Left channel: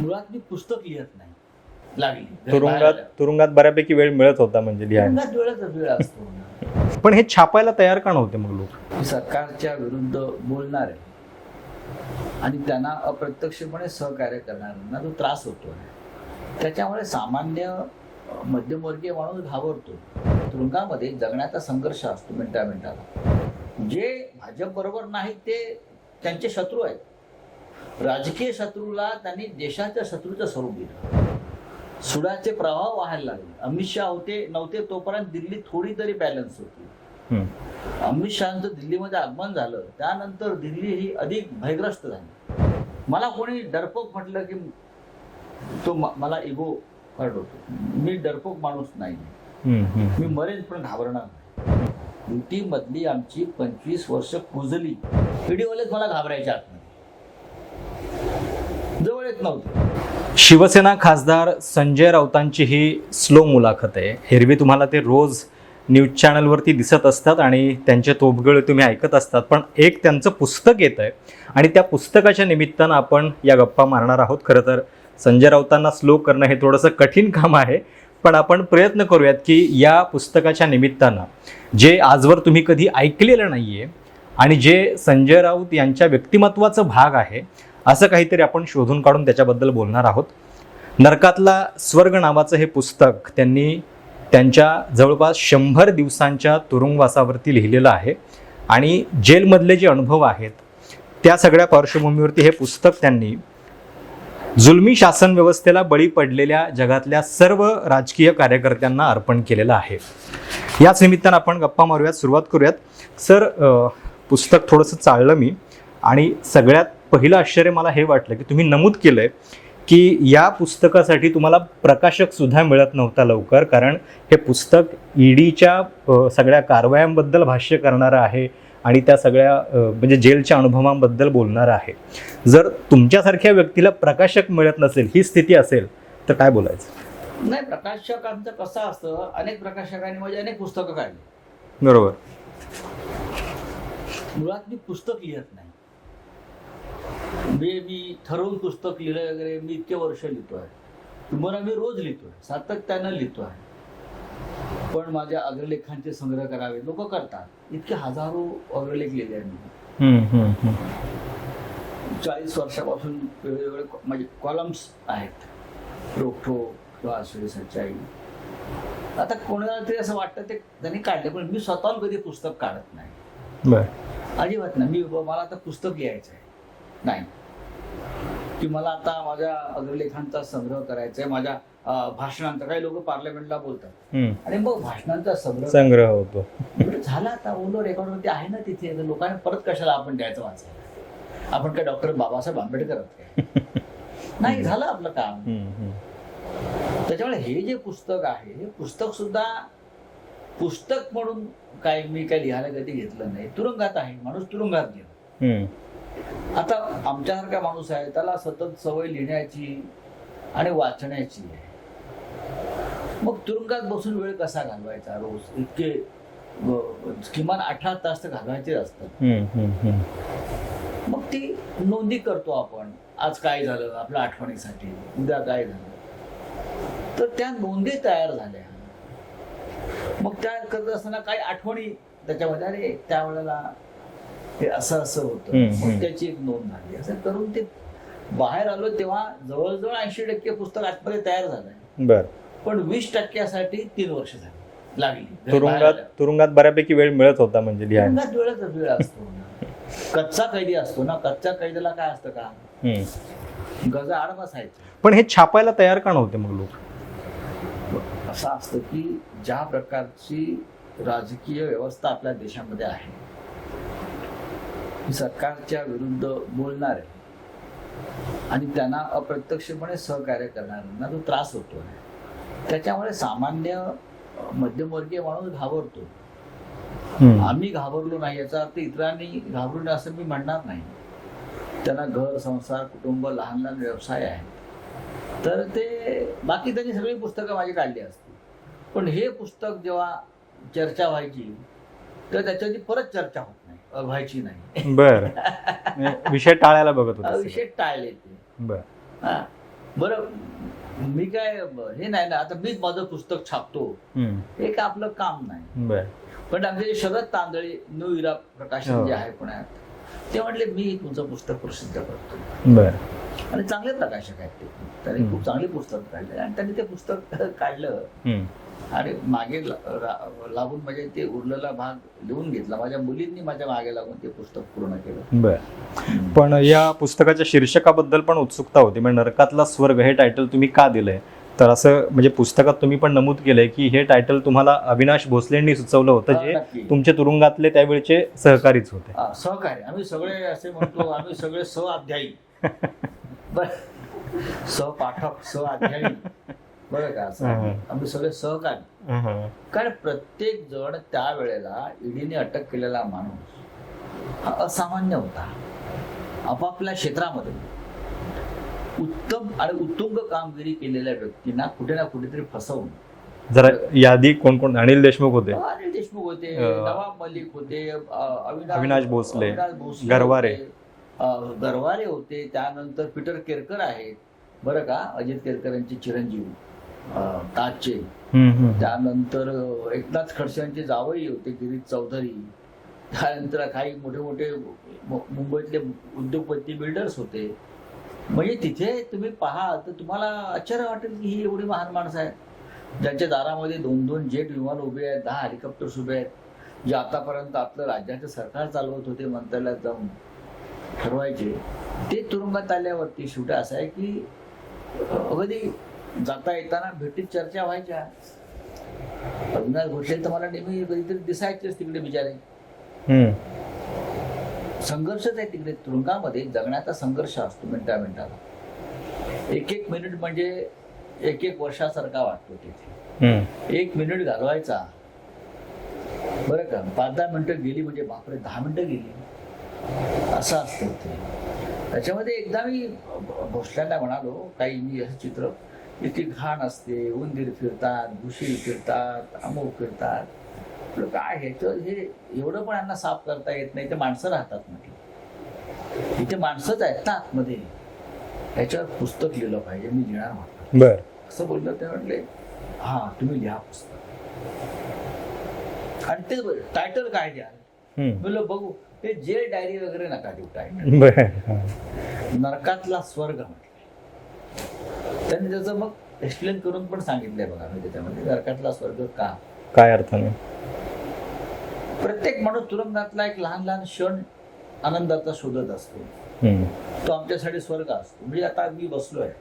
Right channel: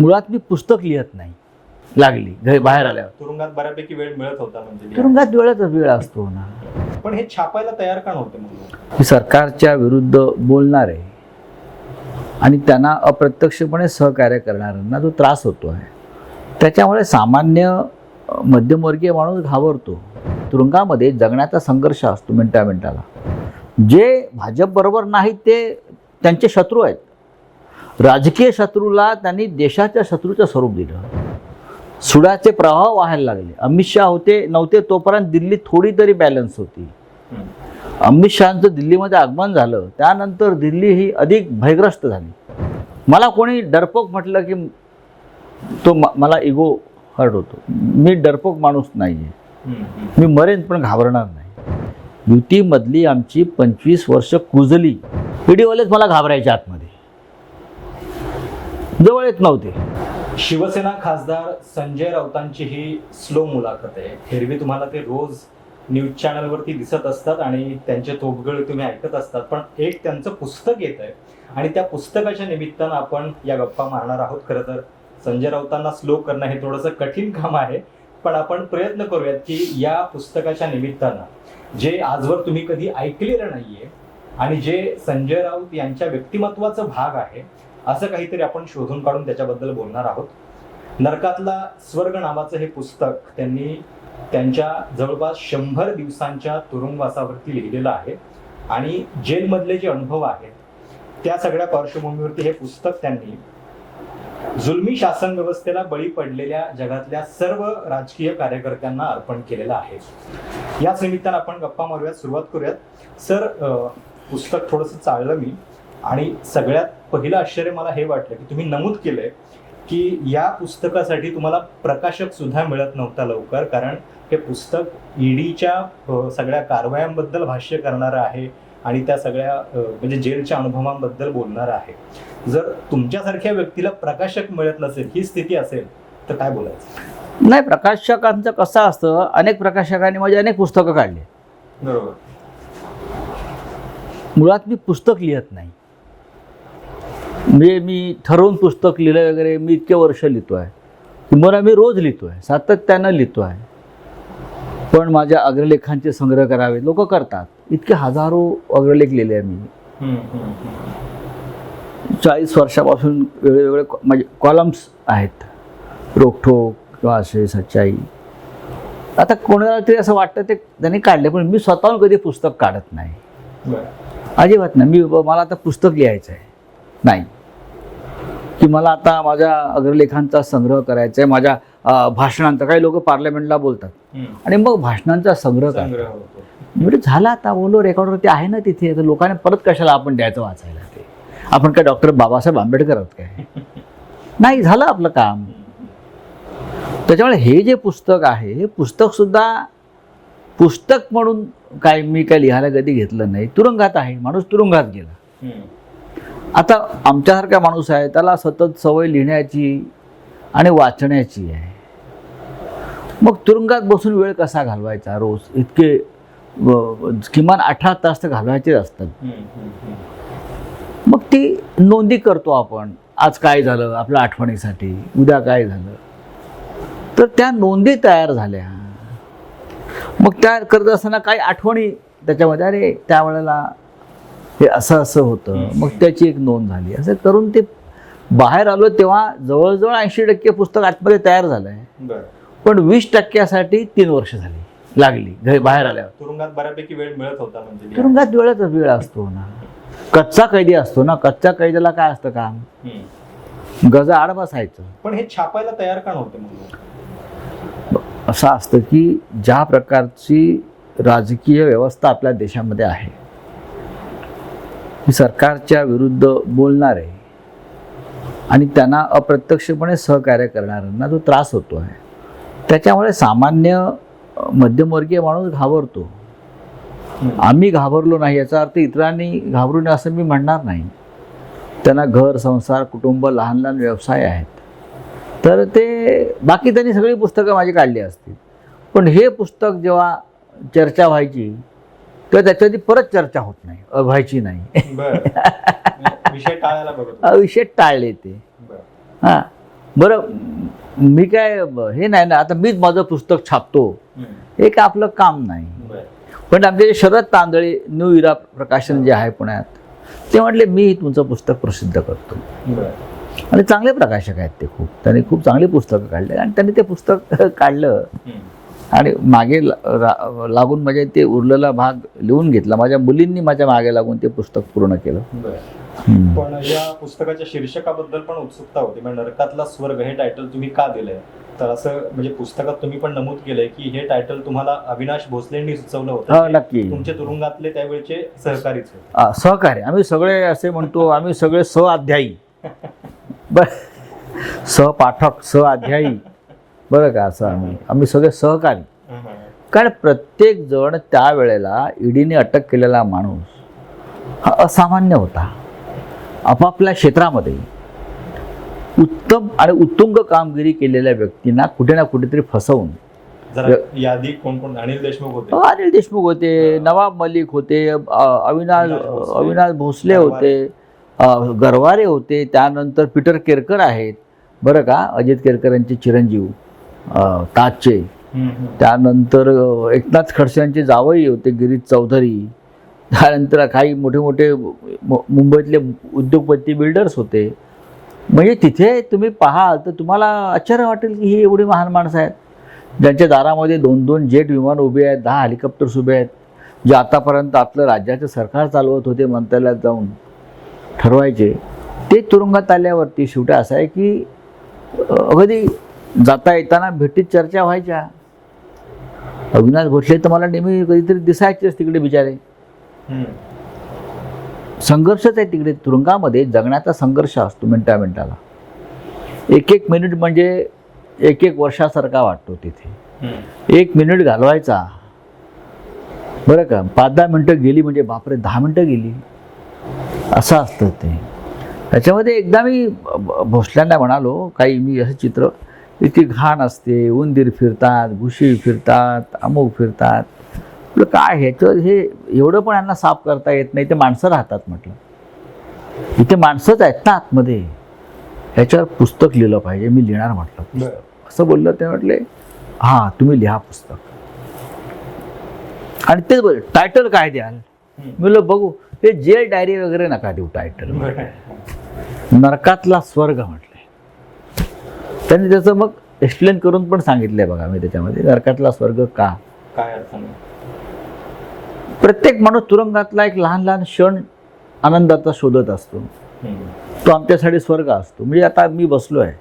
मुळात मी पुस्तक लिहत नाही. लागली घरी बाहेर आल्यावर. तुरुंगात बऱ्यापैकी वेळ मिळत होता म्हणजे लिहायला. तुरुंगात वेळच वेळ असतो ना. पण हे छापायला तयार का नव्हते मग लोक? मी सरकारच्या विरुद्ध बोलणारे आणि त्यांना अप्रत्यक्षपणे सहकार्य करणाऱ्यांना जो त्रास होतो आहे त्याच्यामुळे सामान्य अ, मध्यमवर्गीय माणूस घाबरतो. तुरुंगामध्ये जगण्याचा संघर्ष असतो मिनटा मिनटाला जे भाजपबरोबर नाहीत ते त्यांचे शत्रू आहेत. राजकीय शत्रूला त्यांनी देशाच्या शत्रूचं स्वरूप दिलं. सुडाचे प्रवाह व्हायला लागले. अमित शहा होते नव्हते तोपर्यंत दिल्ली थोडी तरी बॅलन्स होती. अमित शहाचं दिल्लीमध्ये आगमन झालं त्यानंतर दिल्ली ही अधिक भयग्रस्त झाली. मला कोणी डरपोक म्हटलं की तो मला इगो हर्ट होतो. मी डरपोक माणूस नाही आहे मी मरेन पण घाबरणार नाही. युतीमधली आमची पंचवीस वर्ष कुजली. व्हिडिओलेच मला घाबरायच्या आतमध्ये. जवळ येत नव्हते. शिवसेना खासदार संजय राऊतांची ही स्लो मुलाखत आहे. हिरवी तुम्हाला ते रोज न्यूज चॅनलवरती दिसत असतात आणि त्यांचे तोबगळे तुम्ही ऐकत असतात पण एक त्यांचं पुस्तक येत आहे आणि त्या पुस्तकाच्या निमित्तानं आपण या गप्पा मारणार आहोत. खरं तर संजय राऊतांना स्लो करणं हे थोडंसं कठीण काम आहे पण आपण प्रयत्न करूयात की या पुस्तकाच्या निमित्तानं जे आजवर तुम्ही कधी ऐकलेलं नाही आहे आणि जे संजय राऊत यांच्या व्यक्तिमत्वाचं भाग आहे असं काहीतरी आपण शोधून काढून त्याच्याबद्दल बोलणार आहोत. नरकातला स्वर्ग नावाचं हे पुस्तक त्यांनी त्यांच्या जवळपास शंभर दिवसांच्या तुरुंगवासावरती लिहिलेलं आहे आणि जेलमधले जे अनुभव आहेत त्या सगळ्या पार्श्वभूमीवरती हे पुस्तक त्यांनी जुलमी शासन व्यवस्थेला बळी पडलेल्या जगातल्या सर्व राजकीय कार्यकर्त्यांना अर्पण केलेलं आहे. याच निमित्तानं आपण गप्पा मारूयात सुरुवात करूयात. सर पुस्तक थोडंसं चाललं मी आणि सगळ्यात पहिलं आश्चर्य मला हे वाटलं की तुम्ही नमूद केलंय की या पुस्तकासाठी तुम्हाला प्रकाशक सुद्धा मिळत नव्हता लवकर कारण हे पुस्तक ईडीच्या सगळ्या कारवायांबद्दल भाष्य करणारं आहे आणि त्या सगळ्या म्हणजे जेलच्या अनुभवांबद्दल बोलणारं आहे. जर तुमच्यासारख्या व्यक्तीला प्रकाशक मिळत नसेल ही स्थिती असेल तर काय बोलायचं? नाही प्रकाशकांचं कसं असतं अनेक प्रकाशकांनी माझी अनेक पुस्तकं काढली. बरोबर. मुळात मी पुस्तक लिहत नाही. म्हणजे मी ठरवून पुस्तक लिहिलं वगैरे मी इतके वर्ष लिहितो आहे किंवा मी रोज लिहितो आहे सातत्यानं लिहितो आहे पण माझ्या अग्रलेखांचे संग्रह करावे लोक करतात. इतके हजारो अग्रलेख लिहिले आहे मी. चाळीस वर्षापासून वेगवेगळे म्हणजे कॉलम्स आहेत. रोखोक किंवा असे सच्चाई. आता कोणाला तरी असं वाटतं ते त्यांनी काढले पण मी स्वतःहून कधी पुस्तक काढत नाही. अजिबात नाही. मी मला आता पुस्तक लिहायचं आहे नाही. की मला आता माझ्या अग्रलेखांचा संग्रह करायचा आहे माझ्या भाषणांचा. काही लोक पार्लमेंटला बोलतात. आणि मग भाषणांचा संग्रह. संग्रह होतो. मी म्हटलं, झाला आता बोलो रेकॉर्डवरती आहे ना तिथे. तर लोकांना परत कशाला आपण द्यायचं वाचायला ते? आपण काय डॉक्टर बाबासाहेब आंबेडकर आहोत काय? नाही झालं आपलं काम. त्याच्यामुळे हे जे पुस्तक आहे हे पुस्तक सुद्धा पुस्तक म्हणून काय मी काय लिहायला कधी घेतलं नाही. तुरुंगात आहे. माणूस तुरुंगात गेला. आता आमच्यासारखा माणूस आहे त्याला सतत सवय लिहिण्याची आणि वाचण्याची आहे. मग तुरुंगात बसून वेळ कसा घालवायचा रोज? इतके किमान अठरा तास तर घालवायचे असतात. मग ती नोंदी करतो आपण. आज काय झालं आपल्या आठवणीसाठी? उद्या काय झालं? तर त्या नोंदी तयार झाल्या. मग त्या करत असताना काही आठवणी त्याच्यामध्ये? अरे त्यावेळेला हे असं असं होतं. मग. त्याची एक नोंद झाली. असं करून ते बाहेर आलो तेव्हा जवळजवळ ऐंशी टक्के पुस्तक आतमध्ये तयार झालंय. बर. पण वीस टक्क्यासाठी तीन वर्ष झाली. लागली. घरी बाहेर आल्यावर. तुरुंगात बऱ्यापैकी वेळ मिळत होता म्हणजे. तुरुंगात वेळच वेळ असतो ना. कच्चा कैदी असतो ना. कच्च्या कैद्याला काय असतं काम. गजा आड बसायचं. पण हे छापायला तयार का नव्हते मग लोक? असं असतं की ज्या प्रकारची राजकीय व्यवस्था आपल्या देशामध्ये आहे सरकारच्या विरुद्ध बोलणारे आणि त्यांना अप्रत्यक्षपणे सहकार्य करणाऱ्यांना जो त्रास होतो आहे. त्याच्यामुळे सामान्य मध्यमवर्गीय माणूस घाबरतो. आम्ही घाबरलो नाही याचा अर्थ इतरांनी घाबरू नये असं मी म्हणणार नाही. त्यांना घर संसार कुटुंब लहान लहान व्यवसाय आहेत. तर ते बाकी त्यांनी सगळी पुस्तकं माझी काढली असतील. पण हे पुस्तक जेव्हा चर्चा व्हायची तेव्हा त्याच्यावरती परत चर्चा होत नाही व्हायची नाही. बर. विषय टाळायला बघत विषय टाळले ते. बर. हां. बरं मी काय हे नाही ना आता मीच माझं पुस्तक छापतो. हे काय आपलं काम नाही. बर. पण आमचे जे शरद तांदळे न्यू इरा प्रकाशन हो. जे आहे पुण्यात ते म्हटले मी तुमचं पुस्तक प्रसिद्ध करतो. बर. आणि चांगले प्रकाशक आहेत ते खूप. त्यांनी खूप चांगली पुस्तकं काढले. आणि त्यांनी ते पुस्तक काढलं. आणि मागे लागून म्हणजे ते उरलेला भाग लिहून घेतला. माझ्या मुलींनी माझ्या मागे लागून ते पुस्तक पूर्ण केलं. बर. पण या पुस्तकाच्या शीर्षकाबद्दल पण उत्सुकता होती. म्हणजे नरकातला स्वर्ग हे टायटल तुम्ही का दिलंय? तर असं म्हणजे पुस्तकात तुम्ही पण नमूद केलंय की हे टायटल तुम्हाला अविनाश भोसलेंनी सुचवलं होतं. नक्की. तुमचे तुरुंगातले त्यावेळचे सहकारीच होते. आ, सहकार्य. आम्ही सगळे असे म्हणतो आम्ही सगळे सहअध्यायी बर. सहपाठक सहअध्यायी बरं का? असं आम्ही आम्ही सगळे सहकारी. कारण प्रत्येक जण त्यावेळेला ईडीने अटक केलेला माणूस हा असामान्य होता. आपापल्या क्षेत्रामध्ये उत्तम आणि उत्तुंग कामगिरी केलेल्या व्यक्तींना कुठे ना कुठेतरी फसवून जरा यादी कोण कोण? अनिल देशमुख होते. अनिल देशमुख होते. नवाब मलिक होते अविनाश अविनाश भोसले. होते गरवारे होते त्यानंतर पीटर केरकर आहेत. बरं का? अजित केरकर यांचे चिरंजीव. ताजचे. त्यानंतर एकनाथ खडसे यांचे जावई होते गिरीश चौधरी. त्यानंतर काही मोठे मोठे मुंबईतले उद्योगपती बिल्डर्स होते. म्हणजे तिथे तुम्ही पाहाल तर तुम्हाला आश्चर्य वाटेल की ही एवढी महान माणसं आहेत. ज्यांच्या दारामध्ये दोन दोन जेट विमान उभे आहेत दहा हेलिकॉप्टर्स उभे आहेत जे आतापर्यंत आपलं राज्याचं सरकार चालवत होते मंत्रालयात जाऊन ठरवायचे. ते तुरुंगात आल्यावरती शेवटी असं आहे की अगदी जाता येताना भेटीत चर्चा व्हायच्या. अविनाश भोसले तर मला नेहमी कधीतरी दिसायचेच तिकडे बिचारे. संघर्षच आहे तिकडे तुरुंगामध्ये जगण्याचा संघर्ष असतो मिनटा मिनटाला. एक एक मिनिट म्हणजे एक एक वर्षासारखा वाटतो तिथे. एक मिनिट घालवायचा. बरं का? पाच दहा मिनटं गेली म्हणजे बापरे दहा मिनटं गेली. असं असतं ते. त्याच्यामध्ये एकदा मी भोसल्यांना म्हणालो काही मी असं चित्र इतकी घाण असते. उंदीर फिरतात घुशी फिरतात अमुक फिरतात. म्हटलं काय ह्याचं हे एवढं पण यांना साफ करता येत नाही. ते माणसं राहतात म्हटलं. इथे माणसंच आहेत ना आतमध्ये. ह्याच्यावर पुस्तक लिहिलं पाहिजे. मी लिहिणार म्हटलं. असं बोललं ते म्हटले हां तुम्ही लिहा पुस्तक. आणि बोल टायटल काय द्याल? म्हणलं बघू ते जेल डायरी वगैरे नका देऊ टायटल नरकातला स्वर्ग म्हटलंय त्यांनी त्याचं मग एक्सप्लेन करून पण सांगितलंय बघा मी त्याच्यामध्ये. नरकातला स्वर्ग का? काय अर्थाने प्रत्येक माणूस तुरुंगातला एक लहान लहान क्षण आनंदाचा शोधत असतो. तो आमच्यासाठी स्वर्ग असतो. म्हणजे आता मी बसलो आहे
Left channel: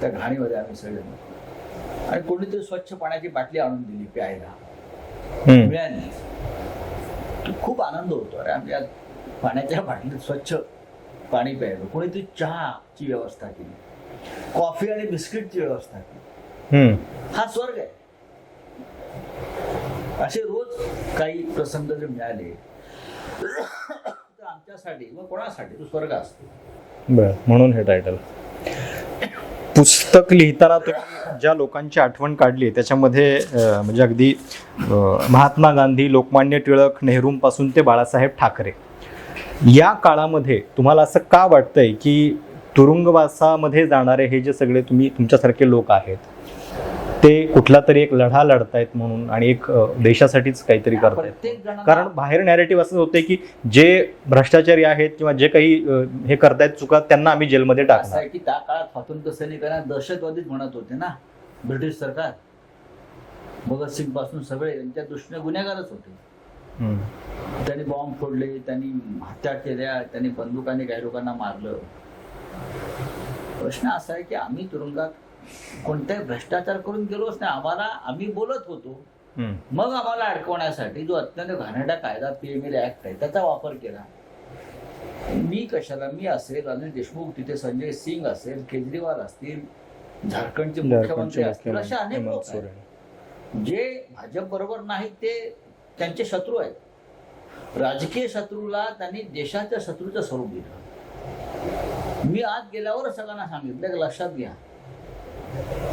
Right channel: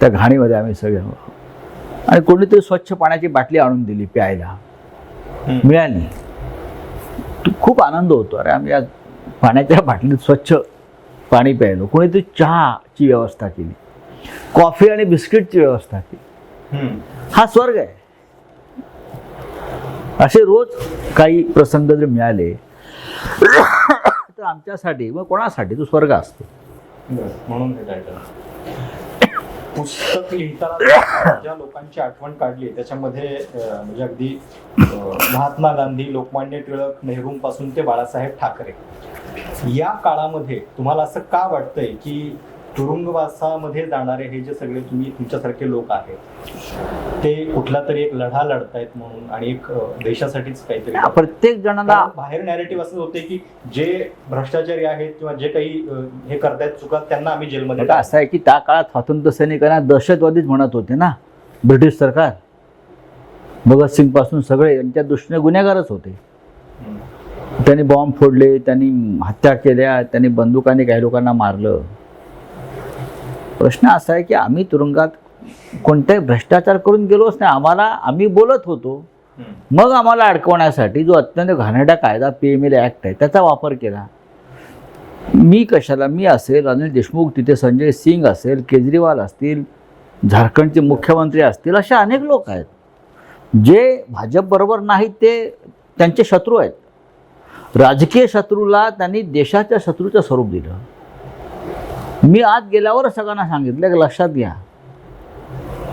त्या घाणीमध्ये आम्ही सगळे आणि कोणीतरी स्वच्छ पाण्याची बाटली आणून दिली प्यायला. मिळाली. तो खूप आनंद होतो. अरे आम्ही आज पाण्याच्या बाटलीत स्वच्छ पाणी प्यायलो. कोणीतरी चहाची व्यवस्था केली. कॉफी आणि बिस्किटची व्यवस्था. हा स्वर्ग आहे. असे रोज काही प्रसंग जर मिळाले तर आमच्यासाठी व कोणासाठी तो स्वर्ग असतो. म्हणून हे टायटल पुस्तक लिहिताना ज्या लोकांची आठवण काढली त्याच्यामध्ये म्हणजे अगदी महात्मा गांधी लोकमान्य टिळक नेहरूंपासून ते बाळासाहेब ठाकरे. या काळामध्ये तुम्हाला असं का वाटतंय की तुरुंगवासामध्ये जाणारे हे जे सगळे तुम्ही तुमच्यासारखे लोक आहेत ते कुठला तरी एक लढा लढतायत म्हणून आणि एक देशासाठीच काहीतरी प्रत्येक जणांना बाहेर नॅरेटिव्ह असं होते की जे भ्रष्टाचारी आहेत किंवा जे काही हे करतायत चुका त्यांना आम्ही जेलमध्ये असं आहे की त्या काळात स्वातंत्र्य सैनिकांना दहशतवादीच म्हणत होते ना ब्रिटिश सरकार. भगतसिंगपासून सगळे यांच्या दृष्टीने गुन्हेगारच होते. त्यांनी बॉम्ब फोडले त्यांनी हत्या केल्या त्यांनी बंदुकाने काही लोकांना मारलं. प्रश्न असा आहे की आम्ही तुरुंगात कोणताही भ्रष्टाचार करून गेलोच नाही. आम्हाला आम्ही बोलत होतो. मग आम्हाला अडकवण्यासाठी जो अत्यंत घाणेरडा कायदा पी एम एल ॲक्ट आहे त्याचा वापर केला. मी कशाला मी असेल अनिल देशमुख तिथे संजय सिंग असेल केजरीवाल असतील झारखंडचे मुख्यमंत्री असतील असे अनेक लोक आहेत. जे भाजप बरोबर नाहीत ते त्यांचे शत्रू आहेत. राजकीय शत्रूला त्यांनी देशाच्या शत्रूचं स्वरूप दिलं. मी आत गेल्यावर सगळ्यांना सांगितलं की लक्षात घ्या.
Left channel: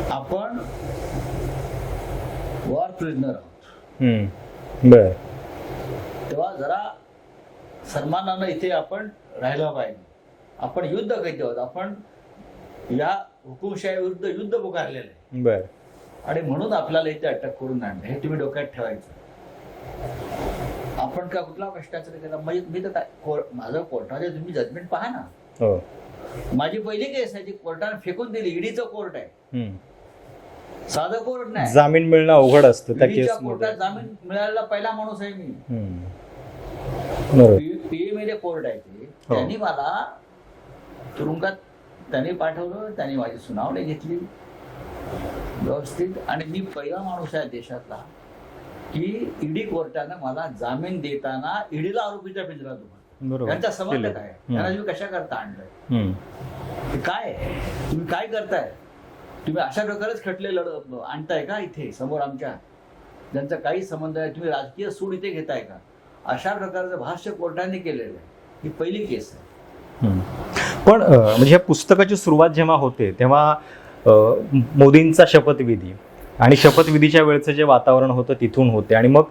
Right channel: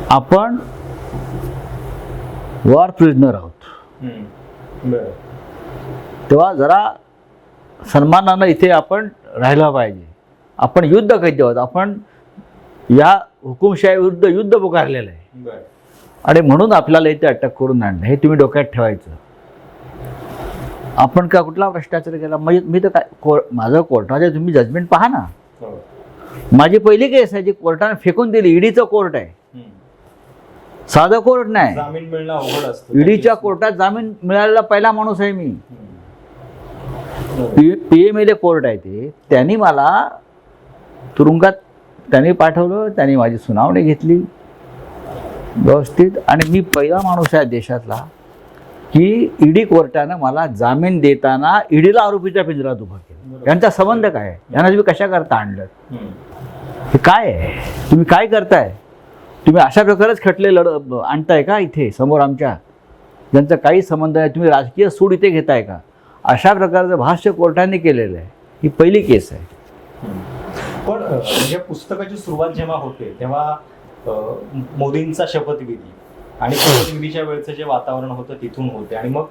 आपण वॉर प्रिझनर आहोत. तेव्हा जरा सन्मानानं इथे आपण राहिलं पाहिजे. आपण युद्ध कैद्य आहोत. आपण या हुकुमशाही विरुद्ध युद्ध पुकारलेलं आहे. बर. आणि म्हणून आपल्याला इथे अटक करून आणलं. हे तुम्ही डोक्यात ठेवायचं. आपण का कुठला भ्रष्टाचार केला? म्हणजे मी तर काय को माझं कोर्टाचे तुम्ही जजमेंट पहा ना. हो. माझी पहिली केस आहे जी कोर्टाने फेकून दिली ईडीचं कोर्ट आहे. साधं कोर्ट नाही जामीन मिळणं अवघड असतं ईडीच्या केसमध्ये. कोर्टात जामीन मिळालेला पहिला माणूस आहे मी. पीएमएलए कोर्ट आहे ते त्यांनी मला तुरुंगात त्यांनी पाठवलं त्यांनी माझी सुनावणी घेतली व्यवस्थित आणि मी पहिला माणूस आहे देशातला की ईडी कोर्टानं मला जामीन देताना ईडीला आरोपीच्या पिंजरात उभा केलं. यांचा संबंध काय? यांना तुम्ही कशा करता आणलं. हे काय आहे? तुम्ही काय करताय? तुम्ही अशा प्रकारेच खटले लढ आणताय का इथे समोर आमच्या? ज्यांचा काही संबंध आहे तुम्ही राजकीय सूड इथे घेताय का? अशा प्रकारचं भाष्य कोर्टाने केलेलं आहे. ही पहिली केस आहे. पण म्हणजे पुस्तकाची सुरुवात जेव्हा होते तेव्हा मोदींचा शपथविधी. आणि शपथविधीच्या वेळेचं जे वातावरण होतं तिथून होते. आणि मग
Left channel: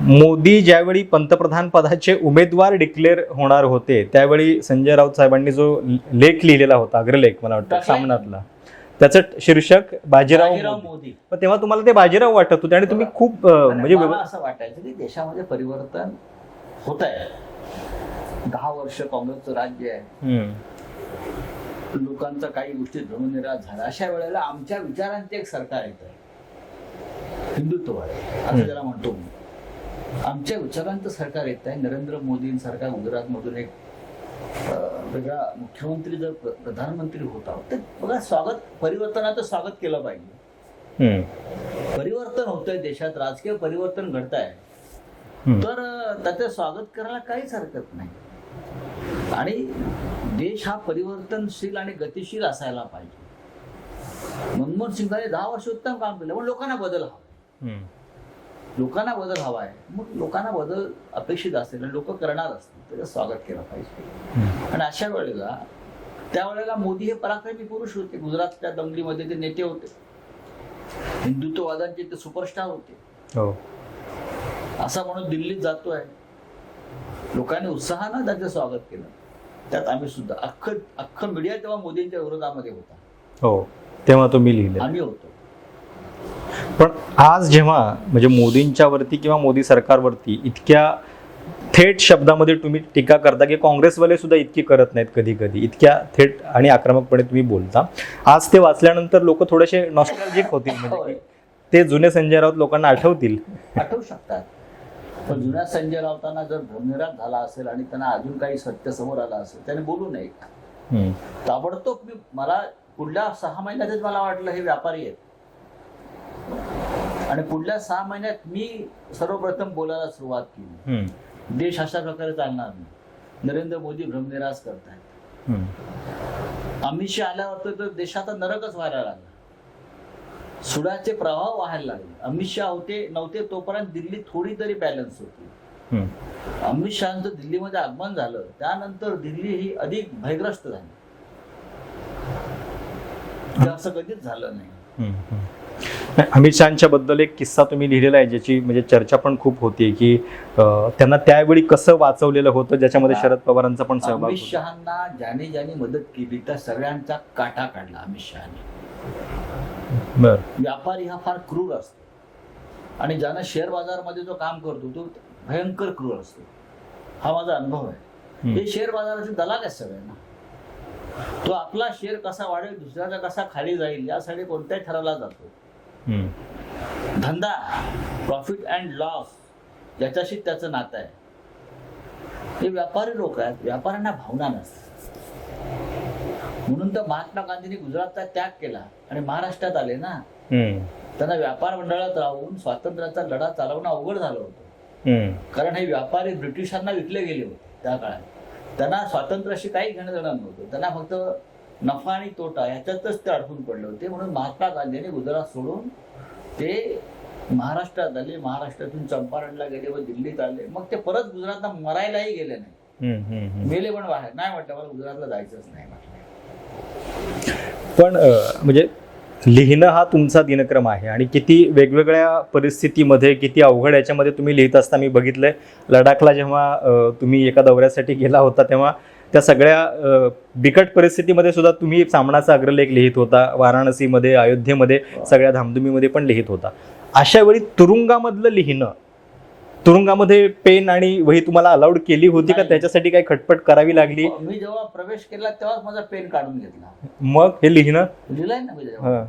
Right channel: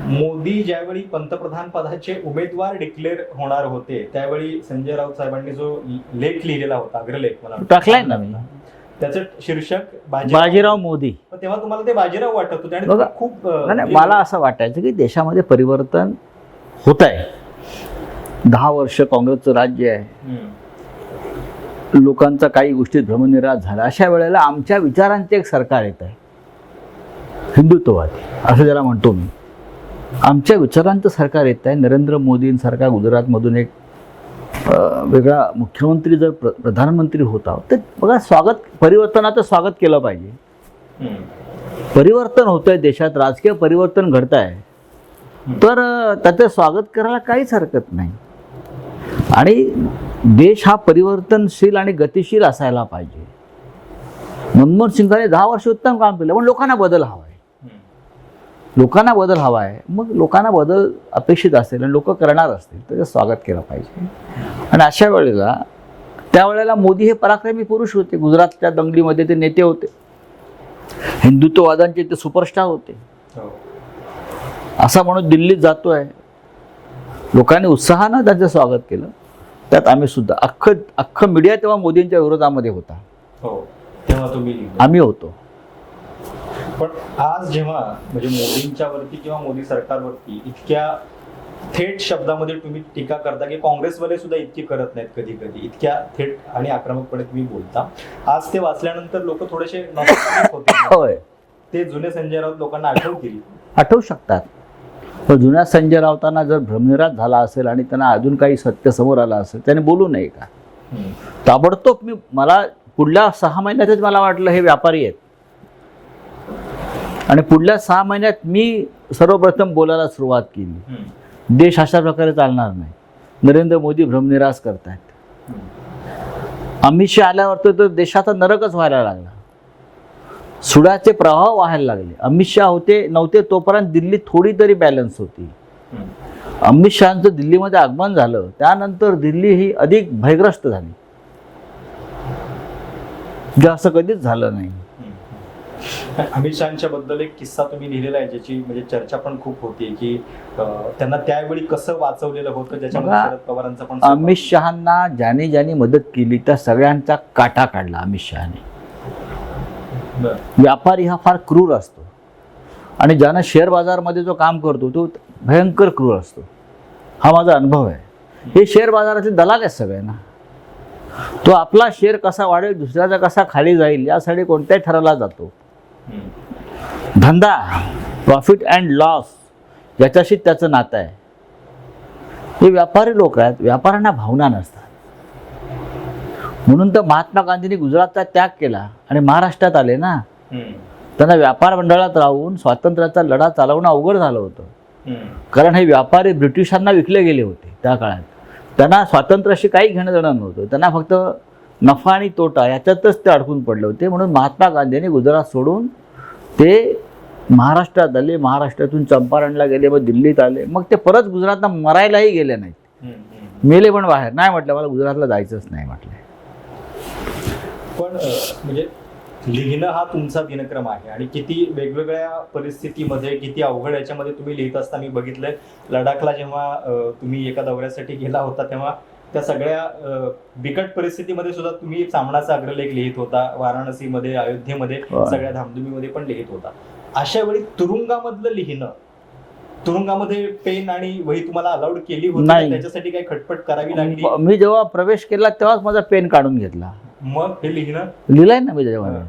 मोदी ज्यावेळी पंतप्रधान पदाचे उमेदवार डिक्लेअर होणार होते त्यावेळी संजय राऊत साहेबांनी जो लेख लिहिलेला होता अग्रलेख मला वाटतं. त्याचं शीर्षक बाजीराव मोदी पण तेव्हा तुम्हाला ते बाजीराव वाटत होते आणि. खूप म्हणजे मला असं वाटायचं की देशामध्ये परिवर्तन होत आहे दहा वर्ष काँग्रेसचं राज्य आहे. लोकांचा काही गोष्टीत भ्रमनिराश झाला अशा वेळेला आमच्या विचारांचे एक सरकार येत आहे हिंदुत्ववादी असं ज्याला म्हणतो मी आमच्या विचारांचं सरकार येत आहे नरेंद्र मोदींसारखा गुजरातमधून एक वेगळा मुख्यमंत्री जर प्र प्रधानमंत्री होता तर बघा स्वागत परिवर्तनाचं स्वागत केलं पाहिजे. परिवर्तन होतंय देशात राजकीय परिवर्तन घडत आहे. तर त्याचं स्वागत करायला काहीच हरकत नाही आणि देश हा परिवर्तनशील आणि गतिशील असायला पाहिजे मनमोहन सिंगाने दहा वर्ष उत्तम काम केलं पण लोकांना बदल हवा आहे. लोकांना बदल हवा आहे. मग लोकांना बदल अपेक्षित असेल आणि लोक करणार असतील त्याचं स्वागत केलं पाहिजे. आणि अशा वेळेला त्यावेळेला मोदी हे पराक्रमी पुरुष होते. गुजरातच्या दंगलीमध्ये ते नेते होते. हिंदुत्ववादांचे ते सुपरस्टार होते. हो. असा माणूस दिल्लीत जातोय. लोकांनी उत्साहानं त्याचं स्वागत केलं. त्यात आम्ही सुद्धा अख्खं अख्खं मीडिया तेव्हा मोदींच्या विरोधामध्ये होता. हो. तेव्हा तुम्ही लिहिले आम्ही होतो. पण आज जेव्हा म्हणजे मोदींच्या वरती किंवा मोदी सरकारवरती इतक्या थेट शब्दामध्ये तुम्ही टीका करता की काँग्रेसवाले सुद्धा इतकी करत नाहीत कधी कधी इतक्या थेट आणि आक्रमकपणे तुम्ही बोलता. आज ते वाचल्यानंतर लोक थोडेसे नॉस्टॅल्जिक होतील. ते जुने संजय राऊत लोकांना आठवतील. आठवू शकतात. पण जुन्या संजय राऊतांना जर भ्रमनिराश झाला असेल आणि त्यांना अजून काही सत्य समोर आलं असेल त्याने बोलू नये का? ताबडतोब मी मला पुढल्या सहा महिन्यातच मला वाटलं हे व्यापारी आहेत. आणि पुढल्या सहा महिन्यात मी सर्वप्रथम बोलायला सुरुवात केली. देश अशा प्रकारे चालणार नाही. नरेंद्र मोदी भ्रमनिराश करतायत. अमित शहा आल्यावर तर- तर देशाचा नरकच व्हायला लागला. सुडाचे प्रवाह व्हायला लागले. अमित शहा होते नव्हते तोपर्यंत दिल्ली थोडी तरी बॅलन्स होती. अमित शहाचं दिल्लीमध्ये आगमन झालं. त्यानंतर दिल्ली ही अधिक भयग्रस्त झाली. जे असं कधीच झालं नाही. अमित शहाच्या बद्दल एक किस्सा तुम्ही लिहिलेला आहे ज्याची म्हणजे चर्चा पण खूप होती की त्यांना त्यावेळी कसं वाचवलेलं होतं ज्याच्यामध्ये शरद पवारांचा पण अमित. शहांना ज्याने ज्याने मदत केली त्या सगळ्यांचा काटा काढला अमित शहाने. व्यापारी हा फार क्रूर असतो. आणि ज्यानं शेअर बाजारमध्ये जो काम करतो तो भयंकर क्रूर असतो. हा माझा अनुभव आहे. हे शेअर बाजाराचे दलाल आहेत सगळे ना. तो आपला शेअर कसा वाढेल दुसऱ्याचा कसा खाली जाईल यासाठी कोणत्याही ठराला जातो. धंदा प्रॉफिट अँड लॉस याच्याशी त्याचं नातं आहे. हे व्यापारी लोक आहेत व्यापाऱ्यांना भावना नसतात. म्हणून तर महात्मा गांधींनी गुजरातचा त्याग केला आणि महाराष्ट्रात आले ना. त्यांना व्यापार मंडळात राहून स्वातंत्र्याचा लढा चालवणं अवघड झालं होतं. कारण हे व्यापारी ब्रिटिशांना विकले गेले होते त्या काळात. त्यांना स्वातंत्र्याशी काही घेणं देणं नव्हतं. त्यांना फक्त नफा आणि तोटा याच्यातच ते अडकून पडले होते. म्हणून महात्मा गांधींनी गुजरात सोडून ते महाराष्ट्रात आले महाराष्ट्रातून चंपारणला गेले मग दिल्लीत आले. मग ते परत गुजरातला मरायलाही गेले नाहीत. मेले पण बाहेर. नाही म्हटलं मला गुजरातला जायचंच नाही म्हटलं. पण म्हणजे लिहिणं हा तुमचा दिनक्रम आहे आणि किती वेगवेगळ्या परिस्थितीमध्ये किती अवघड याच्यामध्ये तुम्ही लिहित असता. मी बघितलंय लडाखला जेव्हा तुम्ही एका दौऱ्यासाठी गेला होता तेव्हा त्या सगळ्या बिकट परिस्थितीमध्ये सुद्धा तुम्ही सामनाचा अग्रलेख लिहित होता. वाराणसीमध्ये अयोध्येमध्ये. सगळ्या धामधुमीमध्ये पण लिहित होता. अशा वेळी तुरुंगामधलं लिहिणं तुरुंगामध्ये पेन आणि वही तुम्हाला अलाउड केली होती. त्याच्यासाठी काही खटपट करावी लागली? मी जेव्हा प्रवेश केला तेव्हाच माझा पेन काढून घेतला. मग हे लिहिणं? लिहिलंय ना मी जेव्हा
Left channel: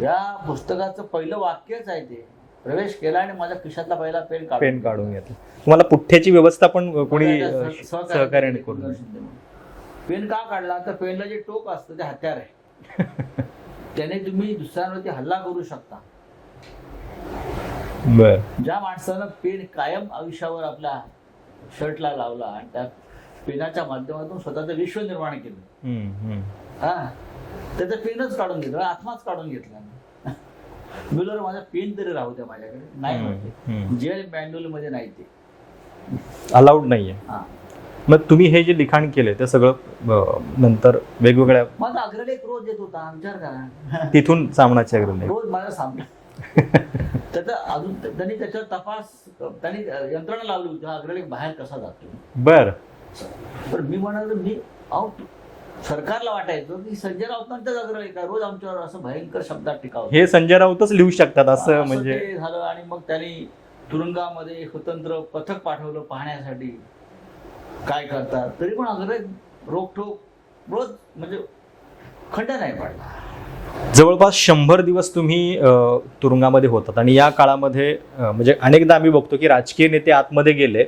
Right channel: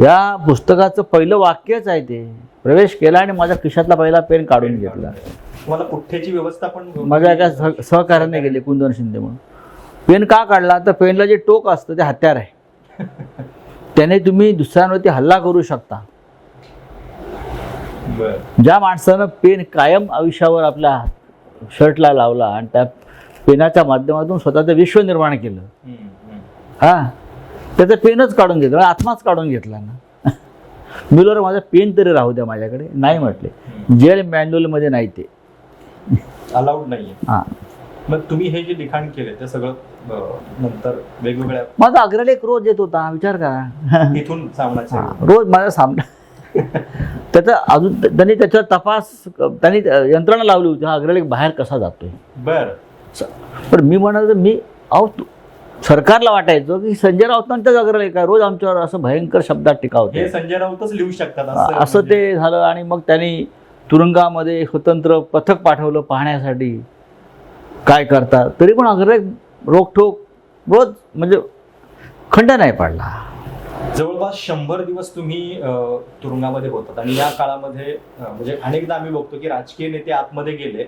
या पुस्तकाचं पहिलं वाक्यच आहे ते. प्रवेश केला आणि माझ्या खिशातला पहिला पेन काढून घेतलं. तुम्हाला पुठ्ठ्याची व्यवस्था पण माझ्या एका सहकार्याने कुंदन शिंदे म्हणून. पेन का काढला? तर पेनला जे टोक असतं ते हत्यार आहे. त्याने तुम्ही दुसऱ्यांवरती हल्ला करू शकता. बरं. ज्या माणसानं पेन कायम आयुष्यावर आपल्या शर्टला लावला आणि त्या पेनाच्या माध्यमातून स्वतःचं विश्व निर्माण केलं. हम्म, हम्म. हा? त्याचं पेनच काढून घेतलं आत्माच काढून घेतला ना. मुलं माझा पेन तरी राहू द्या माझ्याकडे. नाही म्हटले. हम्म. जेल मॅन्युअलमध्ये नाही ते. अलाउड नाहीये. हा. मग तुम्ही हे जे लिखाण केले ते सगळं अ, नंतर वेगवेगळ्या माझा अग्रलेख रोज येत होता विचार करा. तिथून सामनाच्या वेळी. रोज माझा सामना. त्याचा अजून त्यांनी त्याच्यावर तपास त्यांनी यंत्रणा लावली होती हा अग्रलेख बाहेर कसा जातोय? बर. पण मी म्हणाल मी अहो तू- सरकारला वाटायचं की संजय राऊतांचाच अग्रलेख आहे रोज आमच्यावर असं भयंकर शब्दात टीका होते. हे संजय राऊतच लिहू शकतात असं असं म्हणजे- ते झालं आणि मग त्यांनी तुरुंगामध्ये स्वतंत्र पथक पाठवलं पाहण्यासाठी काय करतात तरी पण अग्रे रोखोक रोज म्हणजे खंड नाही पडला. जवळपास शंभर दिवस तुम्ही तुरुंगामध्ये होतात. आणि या काळामध्ये म्हणजे अनेकदा आम्ही बघतो की राजकीय नेते आतमध्ये गेले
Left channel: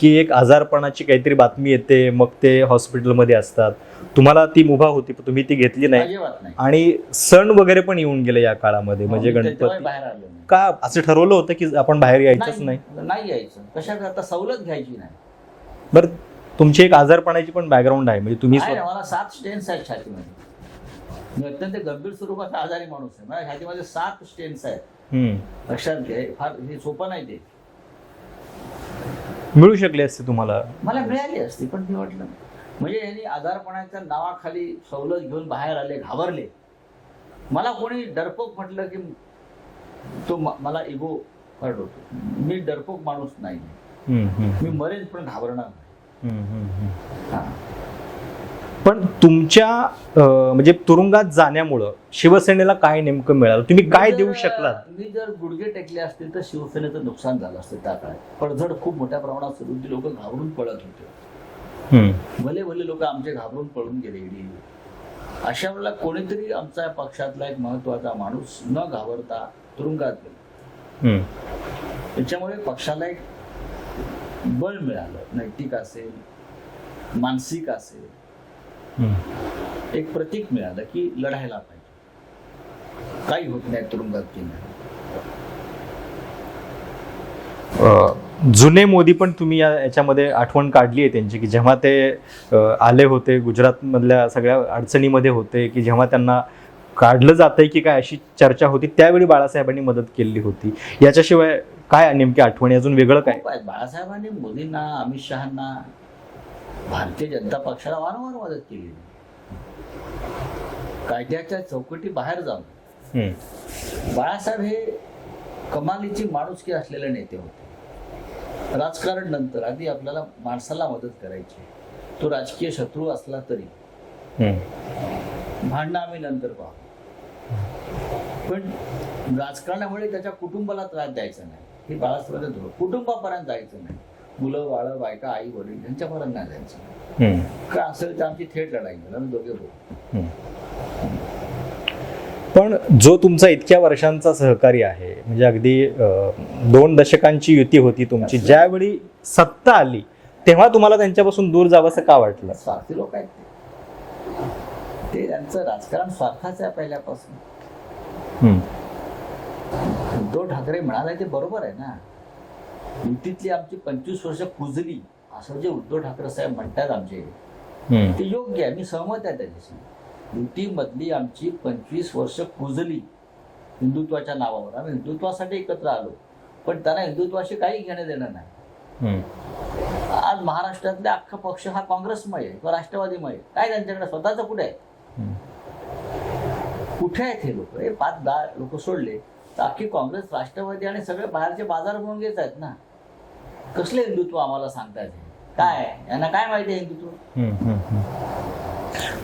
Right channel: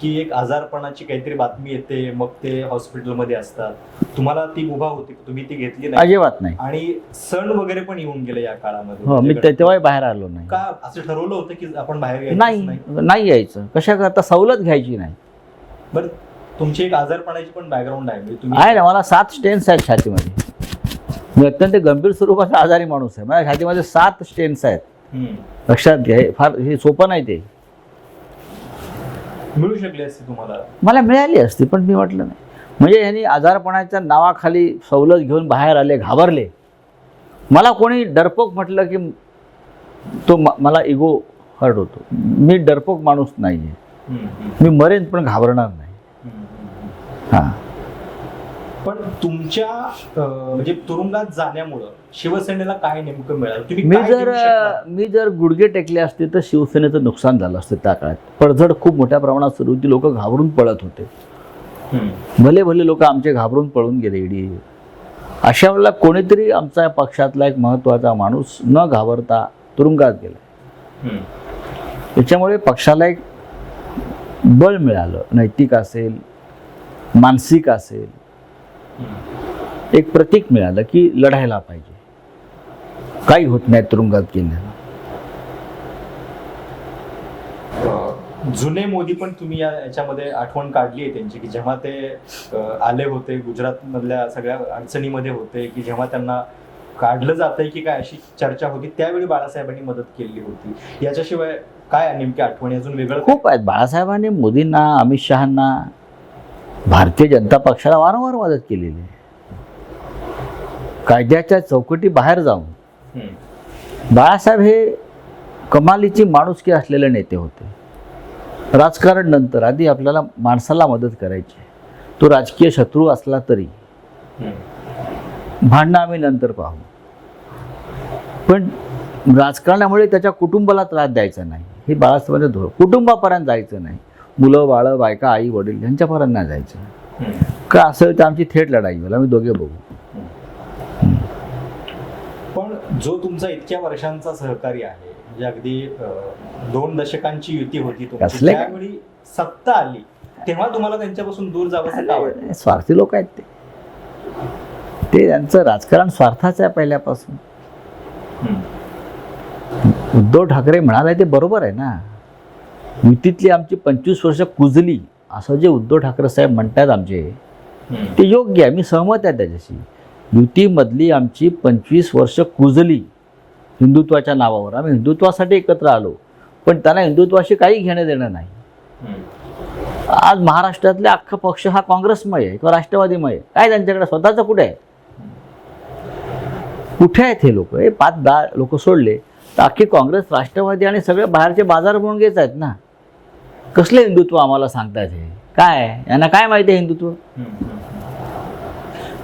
की एक आजारपणाची काहीतरी बातमी येते मग ते हॉस्पिटलमध्ये असतात. तुम्हाला ती मुभा होती पण तुम्ही ती घेतली नाही. अजिबात नाही. आणि सण वगैरे पण येऊन गेले या काळामध्ये हो, म्हणजे मी ते- गणपती. तेव्हाही बाहेर आलो नाही. का असं ठरवलं होतं की आपण बाहेर यायचं नाही नाही? नाही यायचं. कशा करता सवलत घ्यायची नाही. बरं तुमची एक आजारपणाची पण बॅकग्राऊंड आहे म्हणजे तुम्ही आहे ना मला सात स्टेन्स आहेत छातीमध्ये. मी अत्यंत गंभीर स्वरूपाचा आजारी माणूस आहे. माझ्या छातीमध्ये सात स्टेन्स आहेत. हम्म. लक्षात घ्या हे फार हे सोपं नाही ते. मिळू शकले असते तुम्हाला? मला मिळाली असती पण मी म्हटलं नाही. म्हणजे यांनी आजारपणाच्या नावाखाली सवलत घेऊन बाहेर आले घाबरले. मला कोणी डरपोक म्हटलं की तो मला इगो हर्ट होतो. मी डरपोक माणूस नाही आहे मी मरेन पण घाबरणार नाही. हां. पण तुमच्या म्हणजे तुरुंगात जाण्यामुळं शिवसेनेला काय नेमकं मिळालं? तुम्ही मी काय जर देऊ शकला? मी जर गुडघे टेकले असते तर शिवसेनेचं नुकसान झालं असतं त्या काळात. पडझड खूप मोठ्या प्रमाणात सुरू होती. लोक घाबरून पळत होते. भले भले लोक आमचे घाबरून पळून गेले इडी अशा वेळेला कोणीतरी आमचा पक्षातला एक महत्त्वाचा माणूस न घाबरता तुरुंगात गेला. त्याच्यामुळे पक्षाला एक बळ मिळालं. नैतिक असेल मानसिक असेल. एक प्रतीक मिळालं की लढायला पाहिजे. काही होत नाही तुरुंगात गेल्यानं. जुने मोदी पण तुम्ही या याच्यामध्ये आठवण काढली आहे त्यांची की जेव्हा ते आले होते गुजरात मधल्या सगळ्या अडचणीमध्ये होते की जेव्हा त्यांना काढलं जातंय की काय अशी चर्चा होती त्यावेळी बाळासाहेबांनी मदत केली होती. याच्याशिवाय काय नेमकी आठवणी? अजून वेगळं काय? बाळासाहेबांनी मोदींना अमित शहांना भारतीय जनता पक्षाला वारंवार मदत केलेली आहे. कायद्याच्या चौकटी बाहेर जाऊन बाळासाहेब हे कमालीची माणुसकी असलेले नेते होते. राजकारण नंतर आधी आपल्याला माणसाला मदत करायची तो राजकीय शत्रू असला तरी. भांडणं आम्ही नंतर पाहू. पण राजकारणामुळे त्याच्या कुटुंबाला त्रास द्यायचा नाही. हे बाळासाहेबांचं धोरण कुटुंबापर्यंत जायचं नाही. मुलं बाळं बायका आई वडील यांच्यापर्यंत नाही जायचं. का असेल तर आमची थेट लढाई होईल आम्ही दोघे बघू. पण जो तुमचा इतक्या वर्षांचा सहकारी आहे म्हणजे अगदी दोन दशकांची युती होती तुमची? ज्यावेळी सत्ता आली तेव्हा तुम्हाला त्यांच्यापासून दूर जावंसं का वाटलं? स्वार्थी लोक आहेत ते. ते त्यांचं राजकारण स्वार्थाचं आहे पहिल्यापासून. उद्धव ठाकरे म्हणाले ते बरोबर आहे ना. युतीतली आमची पंचवीस वर्ष कुजली असं जे उद्धव ठाकरे साहेब म्हणतात आमचे. ते योग्य आहे मी सहमत आहे त्याच्याशी. युतीमधली आमची पंचवीस वर्ष कुजली हिंदुत्वाच्या नावावर. आम्ही हिंदुत्वासाठी एकत्र आलो पण त्यांना हिंदुत्वाशी काही घेणं देणं नाही. आज महाराष्ट्रातले अख्खा पक्ष हा काँग्रेसमय आहे किंवा राष्ट्रवादीमय आहे. काय त्यांच्याकडे? स्वतःचं कुठे आहे? कुठे आहेत हे लोक? हे पाच दहा लोक सोडले तर अख्खी काँग्रेस राष्ट्रवादी आणि सगळे बाहेरचे बाजार म्हणून घेत आहेत ना. कसले हिंदुत्व आम्हाला सांगतायत हे? काय? यांना काय माहिती आहे हिंदुत्व?